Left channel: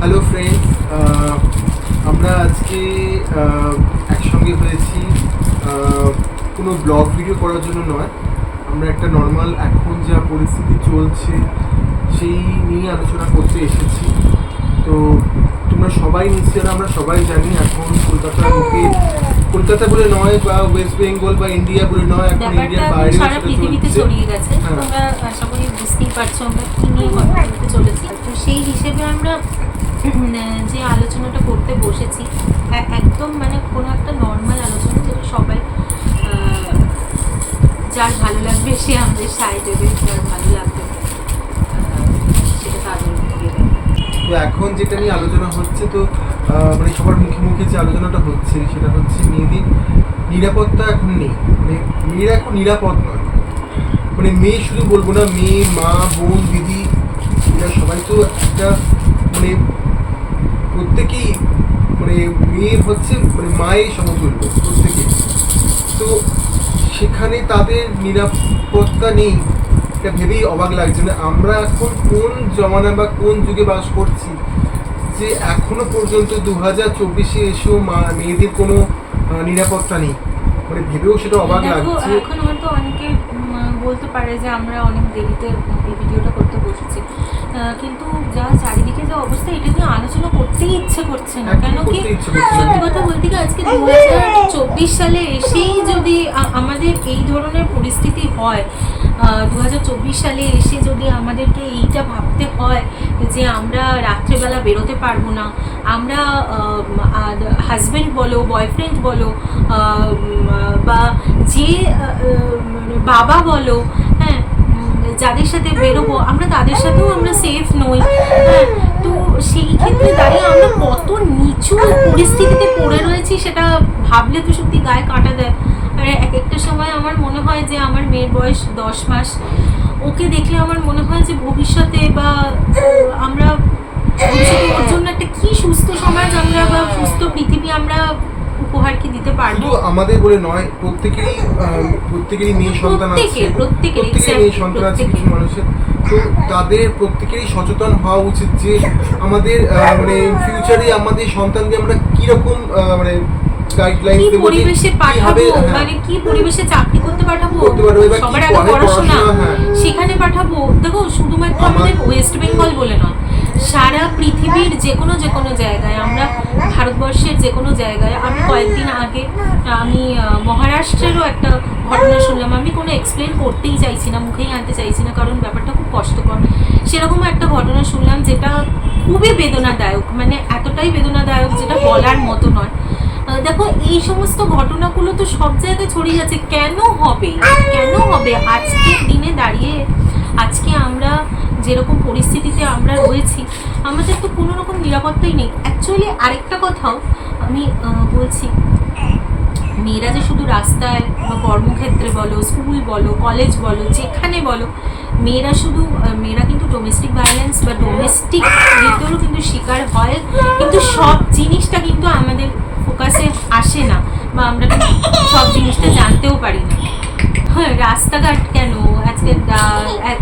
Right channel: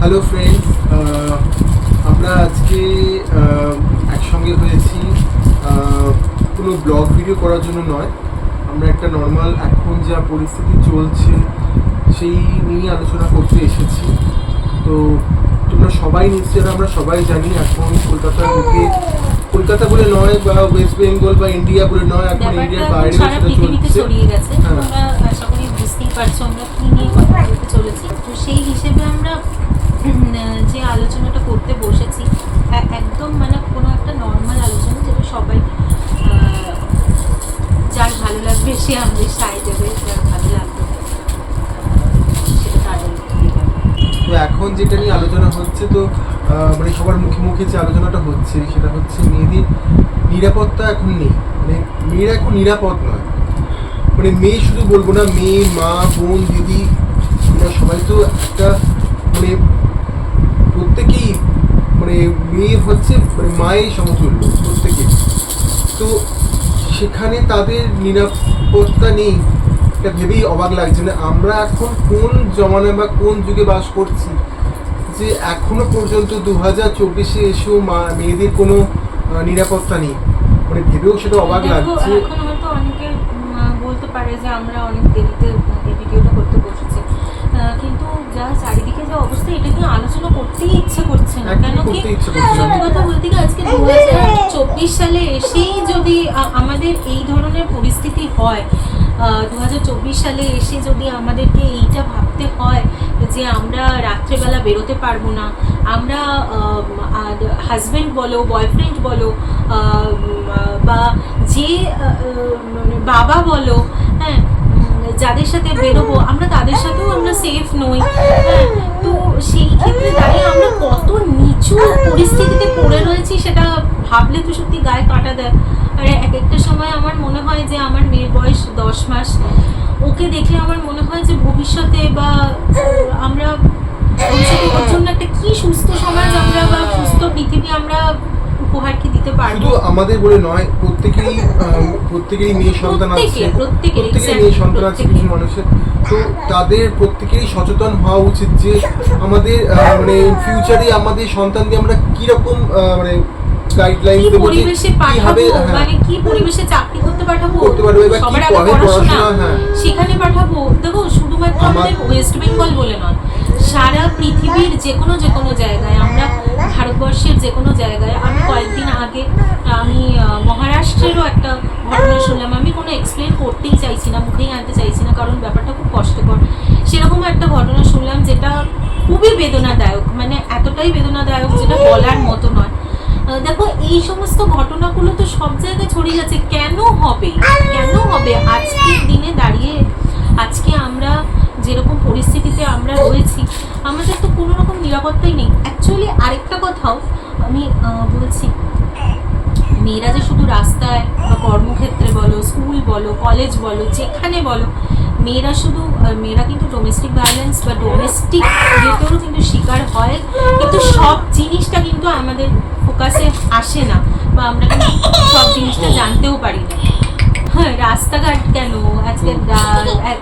Hello friends, আমরা আজকে একসঙ্গে হয়েছি কোনো ব্লগ ভিডিও করার জন্য নয়। আমরা একটা নর্মাল এখন যা পরিস্থিতি চলছে সেই নিয়ে আলোচনা করতে এসেছি। তো তোমরা সবাই নিশ্চয়ই, আমরা সবাই জানি এখন কলকাতার বুকে, কলকাতা বলে নয় বা ওয়েস্ট বেঙ্গল বা ইন্ডিয়া বলে নয়, এখন ইন্ডিয়ার বাইরেও সেটা চলছে। তোমরা আশা করি বুঝতেই পারছো আমরা কি নিয়ে কথা বলতে চলেছি। তো সেই হিসেবে আমরা যে আলোচনাটা করতে বসেছি একদম মানে কোনো একটা নর্মাল আলোচনা, যেটা সবাই যার ভালো লাগবে সে আমাদের সায় দেবে, যার ভালো লাগবে সেটা তাদের। তো এখন যেটা নিয়ে আলোচনা হচ্ছে, তো মানে সবার মুখে মুখে যে আলোচনাটা হচ্ছে সেটা হচ্ছে মেয়েদের নিরাপত্তা এখন নেই। মানে মেয়েরা এখন নিরাপদ নয়। মানে মেয়ে শুধু বলবো না, মেয়ে, মা, বোন, দিদি, এরা সবাই তো একটা মানে প্রত্যেকেই মানে মেয়ে হচ্ছে মানে মায়ের সমতুল্য প্রত্যেকেই। তো সেখানে তাদের নিরাপত্তা নেই, এটা ভেবেই অবাক লাগছে। না আমরা এখন কোন জমানা বা কোন যুগে বাস করছি যে এখনো পর্যন্ত 2024-এ এসেও মেয়েদের কোনো নিরাপত্তা নেই। মানে ভেবেও সেটা অবাক লাগছে। এখন হয়তো অনেকে বলতে পারে যে আমরা অনেক দেরিতে এই ভিডিওটা করতে বসেছি, কিন্তু যা চারিদিকে যা অবস্থা, এটা নিয়ে আলোচনা করতেই ইচ্ছে করছে না। কেন কি সত্যি কথা বলতে গিয়ে আজকে 2024 সালে এসেই যদি আমাদের এই ধরনের পরিস্থিতি হয়, 2024 সালে এসে যদি আমাদেরকে এইটা ভাবতে হয় যে আমরা রাত্রেবেলা বেরোতে পারবো না, আমরা হাজব্যান্ড বলো, বয়ফ্রেন্ড বলো, বা যে বাবা বলো, হ্যাঁ, যাদের সাথে বেরোবো আমরা তাদের সাথেও আমরা সেফ নই। হ্যাঁ, তো সেই ক্ষেত্রে দাঁড়িয়ে আমরা কত নিচু পরিস্থিতিতে পড়ে রয়েছি সেটা ভাবলে তো সত্যি গায়ে কাঁটা দেয়। আর এক একটা সময় আমার মনে হয় যে আমার মেয়ের বয়স 10 মাস, ওকে দেখলে আমার মনে হয় যে ভবিষ্যতে বা আমরা ভবিষ্যতে ওর জন্য একটা কি সুস্থ সমাজ আমরা বা সুস্থ পৃথিবী আমরা উপহার কি দিতে পারবো। শুধু আমাদের বলে নয়, প্রত্যেকেরই মেয়ে সন্তান আছে, প্রত্যেকেরই মেয়ে সন্তান আছে কিছু মানুষের। তো তাদের প্রত্যেকেরই সচেতন হওয়া উচিত যে আমাদের মানে ফিউচারে আমাদের সন্তানকে আমরা কিরকম মানে গাইডলাইন দেবো, যে কিভাবে মানে কি পরিবেশে চাকরি করতে পাঠাবো, এবার কি পড়াশোনা সেখানে পাঠাবো। দেখো শুধুমাত্র আমাদের ওয়েস্ট বেঙ্গল বলে নয়, সারা পৃথিবীর যে কোনো জায়গায়, আমরা ভারতবর্ষের যে কোনো জায়গায়। আমি কয়েকদিন আগে আমি মহারাষ্ট্রেরও একটা ঘটনা শুনলাম। আমি কোনো এক্সপ্লেন করতেই চাইছি না, মুখেই আনতে চাইছি না, কারণ ব্যাপারটা খুব কষ্টকর। সেরকম একটা ঘটনা শুনলাম যেটা খুবই বেদনাদায়ক, মানে এতটাই বেদনাদায়ক যেটা বলার মতো নয়। দেখো এই সমস্ত ঘটনাগুলো তো সব জায়গায় ছড়িয়ে যাচ্ছে। কেন হবে আজকের দিনে দাঁড়িয়ে, আজকে আমরা যেরকম পরিস্থিতিতে আমরা রয়েছি, আমাদের তো কোনো রকম নিরাপত্তাই নেই। অ্যাকচুয়ালি আরেকটা কথাও আমি বলছি, মেয়েরা যে শুধু রাস্তায় বা কর্মক্ষেত্রে বলো, স্কুল বলো, কলেজ বলো, যেখানে বলো, মেয়েরা কিন্তু ডোমেস্টিক ভায়োলেন্স বা ডোমেস্টিক রেপেরও কিন্তু শিকার হয়, কিন্তু সব জিনিসটা কিন্তু আমাদের ফোকাসে আসে না, বা আমরা কিন্তু সব জিনিসটা জানতেও পারি না। হ্যাঁ, রাস্তাঘাট কেন, আজকে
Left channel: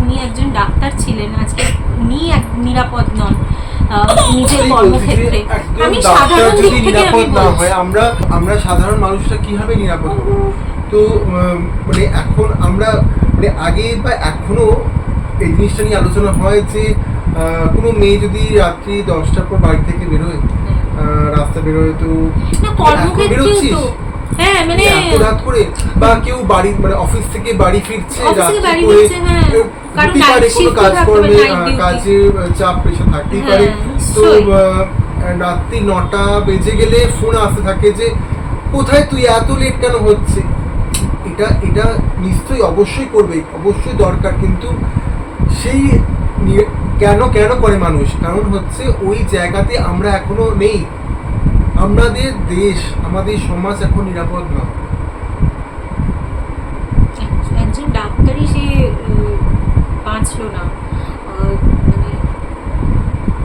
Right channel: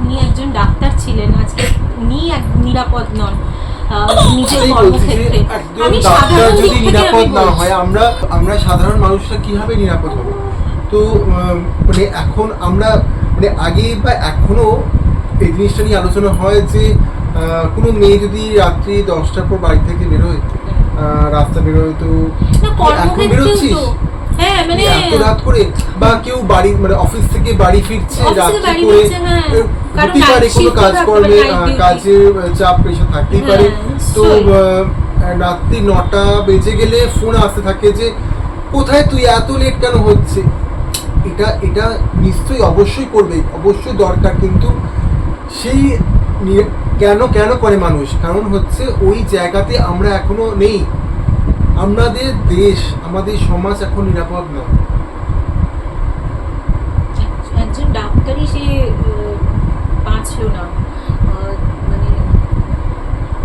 উনি একজন ডাক্তার ছিলেন, আজকে উনি নিরাপদ নন নিজের কর্মক্ষেত্রে। আমি ডাক্তার যদি নিরাপদ না হয়, আমরা সাধারণ মানুষরা কিভাবে নিরাপদ হবো? তো মানে এখন আমরা মানে আগে বা এখনো এই জিনিসটা নিয়ে আলোচনা হয় যে কোনো মেয়ে যদি রাত্রি 10টার পর বাড়ি থেকে বেরোয়, রাস্তা বেরোয়, তো এখন বেরোচ্ছিস এত রাত করে, বা কেউ বাড়ি মানে অফিস থেকে বাড়ি ফিরছে রাত্রি করে, হতেই পারে কোনো কাজকর্মে কাজের চাপ প্রেশার থাকতেই পারে। তো রাত্রি 9টা বেজে গেলে ফোন আসতে থাকে যে কোথায় তুই, এত লেট কেন হচ্ছে। এটা নিশ্চয়ই অবশ্যই করবে, অবশ্যই দরকার, কিন্তু সেই কেন করে মানুষ, কারণ হচ্ছে ওই জায়গাতে আমরা এখনো নেই। আমাদের দেশ, আমাদের সমাজ এখন নিরাপদ নয়। একজন ডাক্তারই সে বাঁচলো না, মানে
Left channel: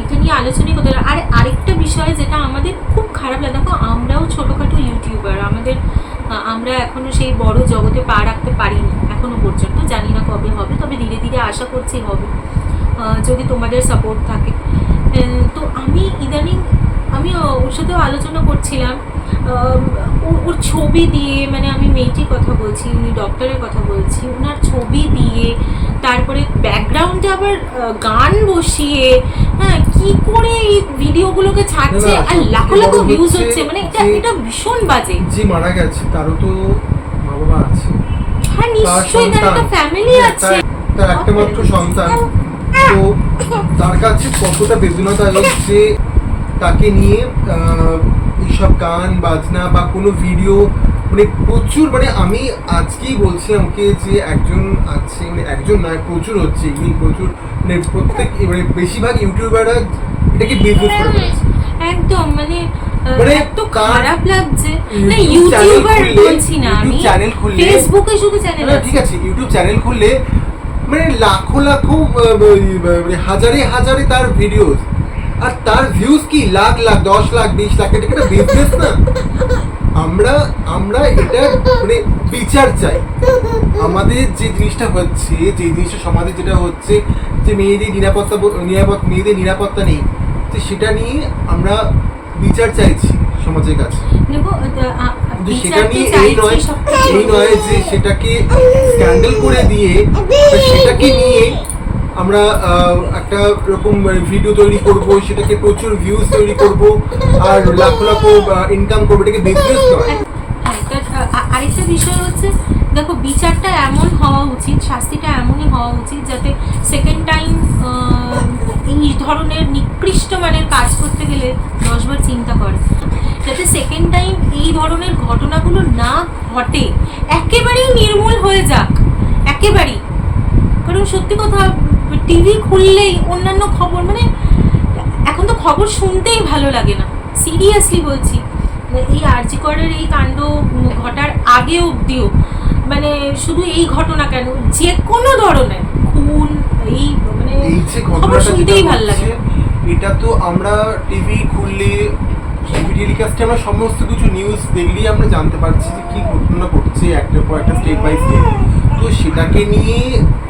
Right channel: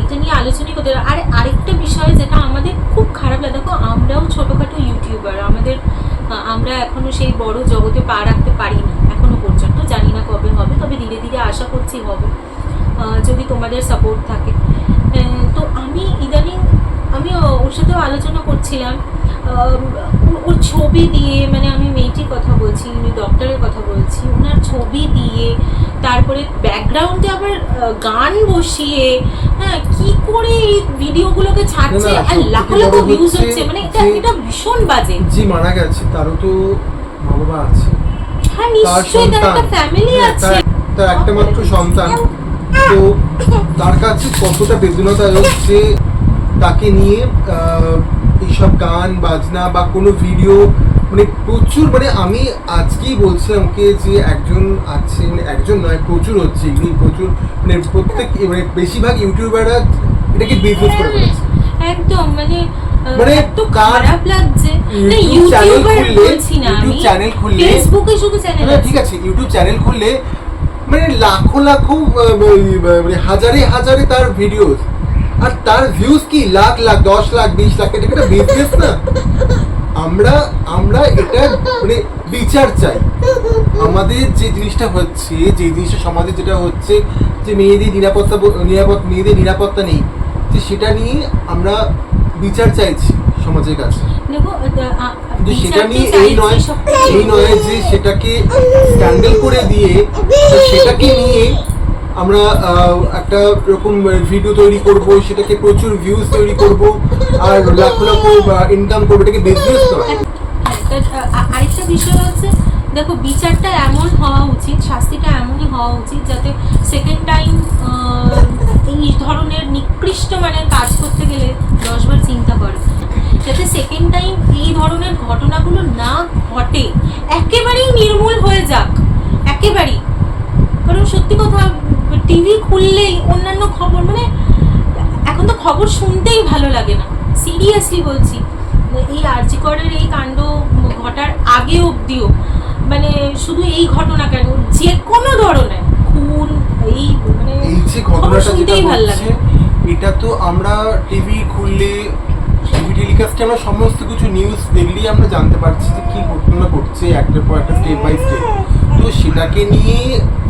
এটা নিয়ে আলোচনাই করতে। আর আরেকটা বিষয় যেটা আমাদের খুব খারাপ লাগে, দেখো আমরাও ছোটোখাটো ইউটিউবার, আমরা এখনো সেই বড় জগতে পা রাখতে পারিনি এখনো পর্যন্ত, জানি না কবে হবে, তবে ধীরে ধীরে আশা করছি হবে, যদি তোমাদের সাপোর্ট থাকে। তো আমি আলোচনা করছিলাম, ওর ছবি দিয়ে, মানে আমি মেয়েটির কথা বলছি, ডক্টরের কথা বলছি, ওনার ছবি দিয়ে, তারপরে ব্যাকগ্রাউন্ডে আবার গান বসিয়ে, হ্যাঁ, কি করে এই ভিডিওগুলোকে ছাড়ছে, না, আর লাখ সবথেকে লাখ বড় ভিউজ হচ্ছে হচ্ছে, মানে এটা যে- এটা ভীষণ বাজে। যে মারা গেছে তারও তো মা বাবা আছে, হ্যাঁ, তার নিশ্চয়ই তার একটা ফ্যামিলি হ্যাঁ, আছে। তার একটা মাত্র সন্তান, তো তার কাছে কতটা বেদনাদায়ক যে তাকে নিয়ে এইসব গান বাজনা বা কোনো ভিডিও, মানে প্রচুর, মানে আমি আজকেই বলছিলাম ওকে যে একজন আছে, মানে একজন নয়, প্রচুর হচ্ছে এগুলি, প্রচুর, মানে প্রত্যেক, মানে বেশিরভাগ ইউটিউবাররা এটাকে বিজনেস করে ফেলেছে। একদম, মানে মানে এত তার খারাপ লাগছে। না, ইউটিউব চ্যানেল ইউটিউবার খুললে, বলছি না আমি, ইউটিউব চ্যানেল খুললে, ফেসবুকে শুধু চ্যানেল না আছে। ঠিক আছে, ইউটিউব চ্যানেল খুললে মানে লাখো লাখো মানে হাজারে হাজারে তার ভিডিওস, আর তার ভিউজ কি লাখ লাখ, 10 লাখ, 20 লাখ, এটা একটা বিজনেস না। আমরা আমরা এটা মানে বিচার চাই। আমাদের যে জিনিসটা হচ্ছে, যে জিনিসটা সমাজে যেটা হচ্ছে, যে মেয়েদের মেয়েদের নিরাপত্তা নেই, যে সেটা নিয়ে আমরা বিচার চাইছি সমাজের কাছে। দেখো, কিন্তু সেটা নিয়ে এই নয় যে সেটাকে স্ক্যান্ডেল করে দিয়ে সেটাকে নিয়ে আমরা একটা এরকম ভিডিও তৈরি করব, সেটাকে প্রচুর ভিউজ তৈরি করব আর লাখ লাখ ইনকাম করবো, এটাকে বিজনেস নয়। আরেকটা বিষয় হচ্ছে, দেখো, বিচারটা এমন হওয়া উচিত, শাস্তিটা এমনই হওয়া উচিত যাতে সেকেন্ড টাইম এই ধরনের নিকৃষ্ট মানের কাজ করতে গেলে 10 বার চিন্তা করে, যাতে সেকেন্ড টাইম এই ধরনের ঘটনাগুলো না ঘটে, একেবারেই নির্মূল হয়ে যাক, একেবারেই। কারণ সত্যি কথা, টিভি খুললেই অন্যান্য খবর, মানে এখন তো খবর শুনতেই ভালো লাগে না, সিরিয়াসলি বলছি। এই আরজি করের এই কাণ্ড ঘটার আগে অবধিও, মানে শুধু এই ঘটনা কেন, যে কোনো ধরনের খুন, এই মানে এই যে খবর ঘটনাটা যেটা শুনতেই ভালো লাগে। হচ্ছে, এটা তো আমরা টিভি খুললে, টিভি টেলিকাস্টে আমরা সমস্ত কিছু নিউজ দেখলেই আমরা জানতে পারছি যে কি ঘটনা ঘটছে একটার পর একটা, স্টেপ বাই স্টেপ। তো সেটাকে নিয়ে,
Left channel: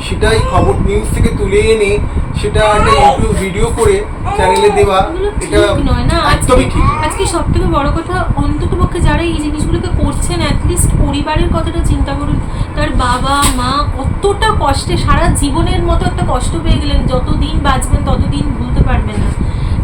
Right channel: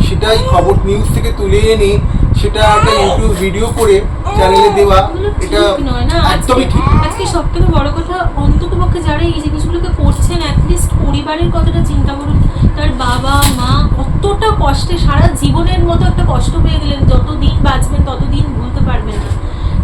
সেটাই খবর নিউজ থেকে তুলে এনে সেটা একটা ইউটিউব ভিডিও করে চ্যানেলে দেওয়া, এটা একদমই ঠিক নয়। আজকে সব থেকে বড় কথা, অন্ততপক্ষে যারা এই জিনিসগুলোকে করছেন, অ্যাটলিস্ট পরিবারের কথাটা চিন্তা করুন। তার বাবা মা কতটা কষ্টে, সারা জীবনের মতো একটা কষ্ট পেয়ে গেলেন, যতদিন বাঁচবেন ততদিন ভুলতে পারবেন না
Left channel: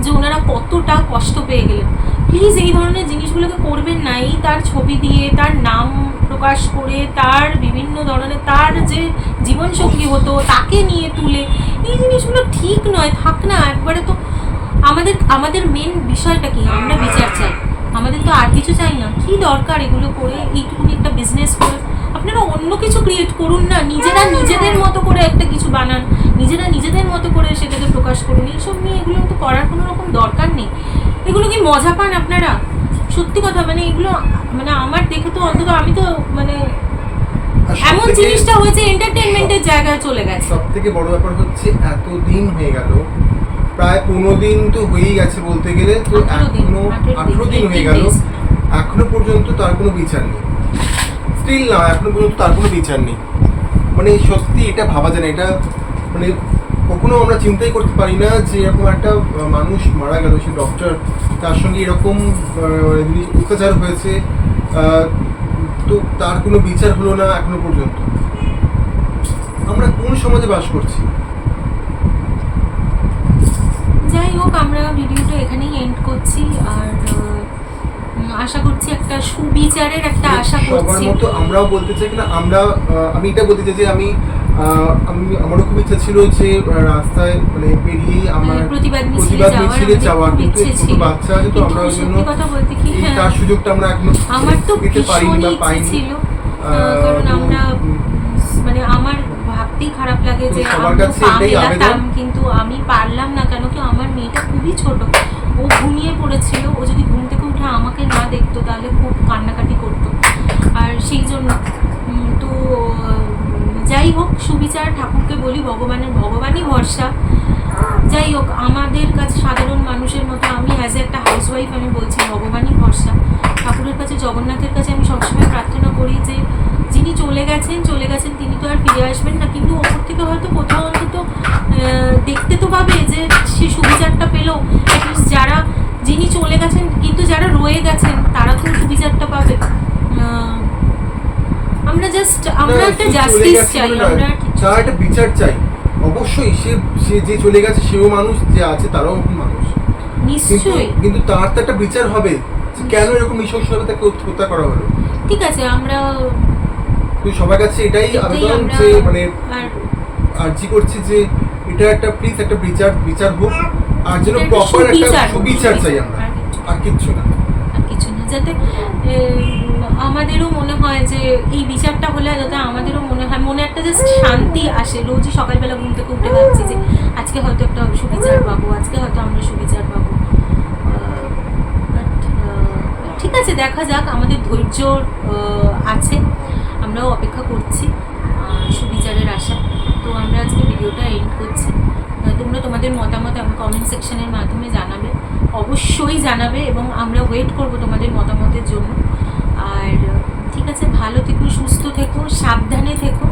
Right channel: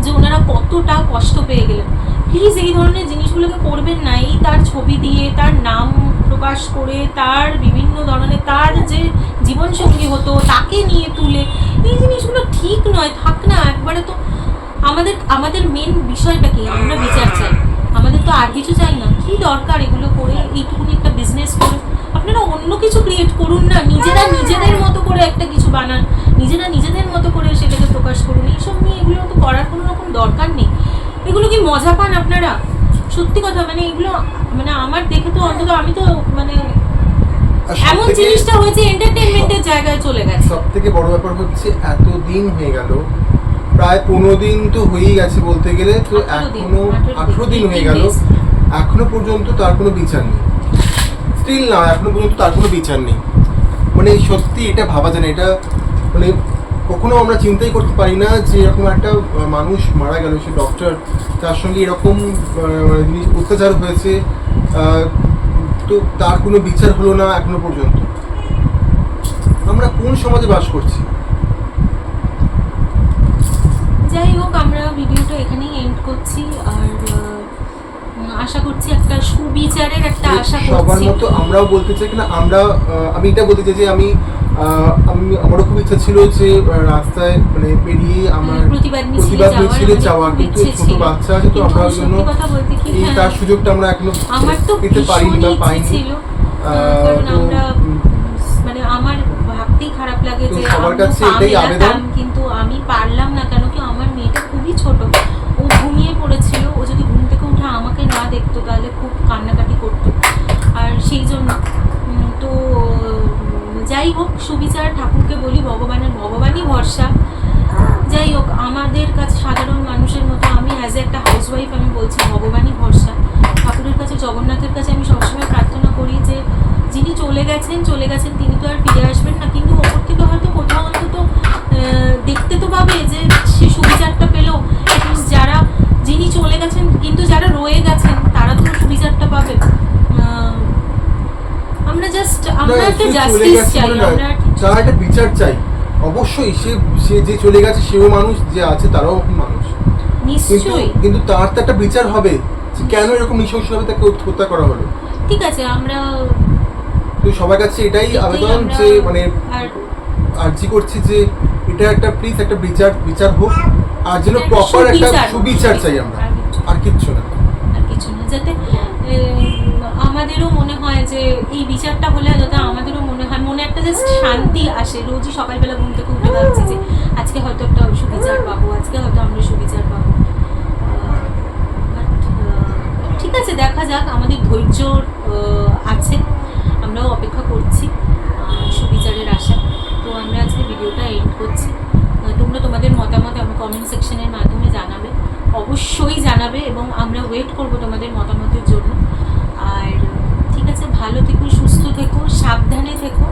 যে ওনারা কতটা কষ্ট পেয়ে গেলেন। প্লিজ এই ধরনের জিনিসগুলোকে করবেন না। এই তার ছবি দিয়ে, তার নাম প্রকাশ করে, তার বিভিন্ন ধরনের, তার যে জীবনসঙ্গী হতো তাকে নিয়ে তুলে, এই জিনিসগুলো ঠিক নয়, থাক না একবারে। তো আমাদের মেন বিষয়টা কি, আমরা বিচার চাই, আমাদের তো আর কিছু চাই না। কি দরকার এগুলো করে, এইটুকুনি একটা বিজনেস করে আপনারা অন্য কিছু ক্রিয়েট করুন না, নিজেরা নিজেদের মতো করে একটা কিছু বানান, নিজেরা নিজেদের মতো করে সেটাকে প্রকাশ করুন। এইসব নিয়ে এগুলো তো করার কোনো রকম দরকার নেই। এগুলো কি মজা পান আপনারা? সত্যি কথা, মানে এগুলো, মানে আমার দেখে তো অন্তত আমি তো মানে এমন জিনিসটা হয়েছে এন্টারটেইনমেন্টের জায়গায় চলে গেছে। সব থেকে বড় ব্যাপার হচ্ছে, এতদিন হয়ে গেল, প্রায় 15 দিন তো হয়েই গেছে বলতে গেলে, তো 18 দিন হয়ে গেল, এখনো পর্যন্ত তার কোনো বিচার নেই। স্টিল না, এখনো পর্যন্ত তার কোনো বিচার নেই। মানে সত্যি এটা ভাবা যায় না, এটা মানে কখনো আমরা চিন্তাই করতে পারি না যে এরকম একটা মানুষ মারা গেল, সে ডক্টর, তার সঙ্গে এরকম অত্যাচার হয়েছে, তো তার কোনো বিচার হলো না এখনো পর্যন্ত। আমরা কোন সমাজে বাস করছি? যাই হোক, আমরা ভিডিওটা এখানেই এন্ড করছি, আর আশা করছি একটা সুবিচারের একটা আশা করছি। সবার মতো আমরাও বলতে চাই কিনা, আমি এটা বলতে চাই যে আমারও খুব ইচ্ছা ছিল যে রাস্তায় মানে পেরিয়ে আমার প্রতিবাদ মিছিলে যাওয়া, কিন্তু ছোট বাচ্চা আছে, তো আমরা ওই জন্য এই তার সুযোগটা আমরা এখনো পেতে পারিনি বা পাইনি। কারণ আমরা, মানে আমার ভাবতেই খারাপ লাগে যে সবার কাছে এটাই আবেদন, কিন্তু আমি পারলাম না, কেন কি আমার মেয়েটা খুবই ছোট, ও ঘুমিয়ে পড়েছিল, ও যদি ঘুম থেকে উঠে আমাকে না দেখতো তাহলে খুব কান্নাকাটি করতো, আর সেই জন্য তো যাই হোক, সুবিচার ঠাকুরকে বলি, ভগবানই ভরসা। যাই হোক, আমাদের কাছে সাধারণ মানুষের মতো, আমি অ্যাজ একটা হাউসওয়াইফ আমি বলছি, ভগবানই ভরসা। ঠাকুরের কাছে, জগন্নাথের কাছে আমি সবসময় প্রার্থনা করি যে যিনি চলে গেছেন তিনি তো আর ফিরে আসবেন না, কিন্তু ওপর থেকে হয়তো কোথাও অন্তত দেখতে তো পাবে যে সে সুবিচারটা পেল। যিনি চলে গেছেন, কিন্তু যারা রয়ে গেছেন তারা তো সুবিচারটা পাবে। আমরা না, একটা সে চলে জাস্টিস গেছে চাই, বলে নয়, আমরা তার একটা বিচার চাই। অবশ্যই সে সে যে চলে গেছে সেও মানুষ, যে আছে তারাও মানুষ, কিন্তু নিশ্চয়ই। কিন্তু তার তো একটা বিচার হবে যে কেন এরকম নৃশংসভাবে তাকে হত্যা করা হলো। ঠিক আছে, আমরা তো সবার কাছে এটাই আবেদন আমরা যে মানে আর আর্জি করছি যে এটা একটা প্লিজ একটা বিচার হোক, আর যেন এটা একটা প্রপার একটা সুবিচার হোক, সুবিচার চাই আমরা, আর কিচ্ছু না। আর কিছু না, যাতে আমাদেরও মনে হয় যে এই বিচারটা হলে যাতে আমাদেরও মনে হয়, মনে একটা জাস্ট শান্তি আসে। রোজই সকালবেলা ঘুম থেকে উঠে ভাবছি যে আজকে হয়তো একটা সুবিচার পাবো, আজকে হয়তো আমরা সুবিচার পাবো। ঠিক আছে, দেখা যাক, আমাদের ধৈর্য আছে, আমরাও অপেক্ষা করছি সুবিচারের আশা। তো আমরা আজকে ভিডিওটা এন্ড করছি। তোমরা তোমাদের মতামত আমার কমেন্ট সেকশনের মাধ্যমে জানাবে, অবশ্যই জানাবে, এবং আমরা ওয়েট করব তোমাদের মতামতের জন্য। আর ঠিক আছে, ভালো থেকো, সুস্থ থেকো, সাবধানে থেকো।